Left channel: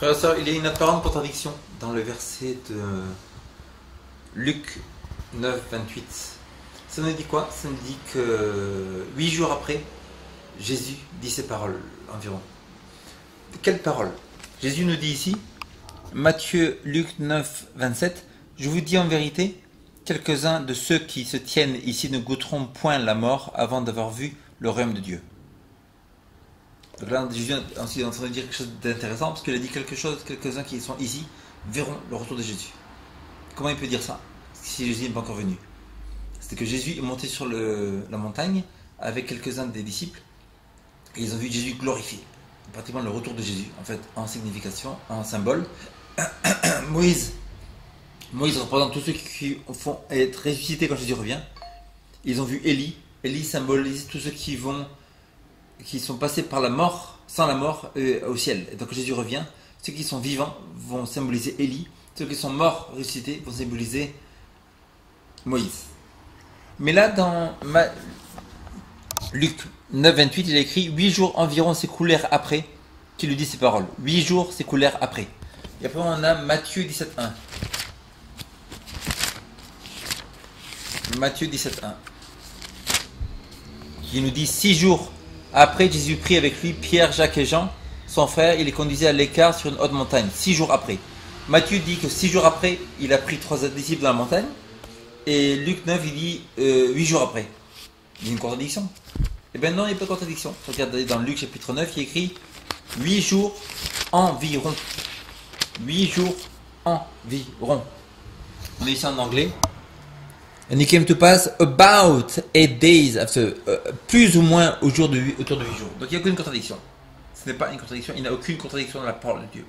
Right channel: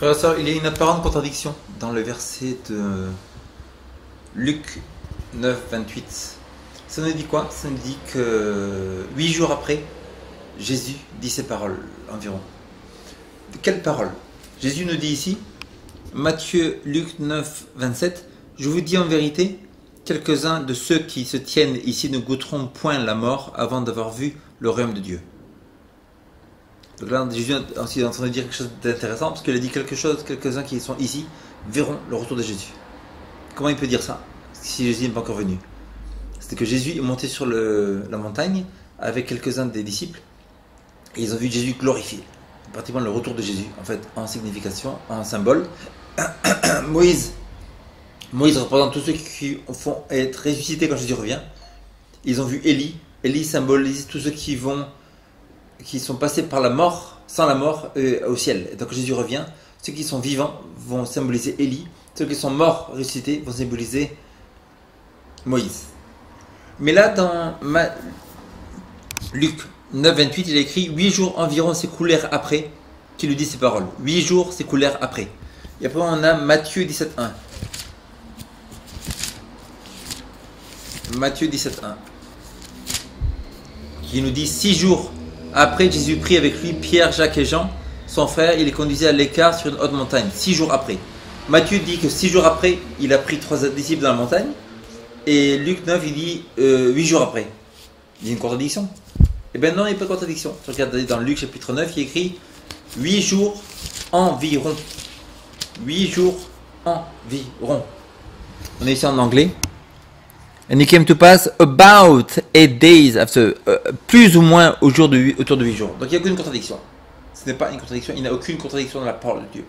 Frère et sœurs, il y a une apparente contradiction dans le verset de Luc 9, 28. Ça nous dit quoi? Ça nous dit que 8 jours après, Jésus dit ces paroles environ. Quelles paroles? Jésus nous dit ici, Matthieu, Luc 9, 27, je vous dis en vérité, quelques-uns de ceux qui se tiennent ici ne goûteront point la mort avant d'avoir vu le royaume de Dieu. Donc là, Jésus est ensuite en train de dire quelque chose d'intéressant, parce qu'il a dit quelque chose, quelques-uns qui sont ici verront le retour de Jésus. Comment il peut dire ça, si Jésus n'est pas encore venu? C'était que Jésus est monté sur la montagne avec quelques-uns des disciples, et ils ont vu Jésus glorifié. Pratiquement le retour de Jésus, en fait, en signification, en symbole. Moïse représente tous ceux qui font être ressuscités quand Jésus revient. Ils ont vu Élie. Élie symbolise tous ceux qui sont passés par la mort, sans la mort, au ciel. Et donc quand Jésus revient, ceux qui sont vivants vont symboliser Élie. Ceux qui sont morts, ressuscités, vont symboliser Moïse. Mais là, dans Luc 9, 28, il a écrit 8 jours environ s'écoulèrent après qu'il lui dit ces paroles. 8 jours s'écoulèrent après. Et après, on a Matthieu 17, 1. Matthieu 17, 1. Qui nous dit 6 jours après, Jésus prit avec lui Pierre, Jacques et Jean, son frère, il les conduisait à l'écart sur une haute montagne. 6 jours après. Matthieu dit que 6 jours après, il a pris 3 disciples dans la montagne. Et Luc 9, il dit 8 jours après. Il y a une contradiction. Eh bien non, il n'y a pas de contradiction. Regardez dans Luc chapitre 9, il écrit 8 jours environ. 8 jours environ. On est ici en anglais. And it came to pass about 8 days after, plus ou moins autour de 8 jours. Donc il n'y a aucune contradiction. Ce n'est pas une contradiction, il n'y a aucune contradiction dans la parole de Dieu.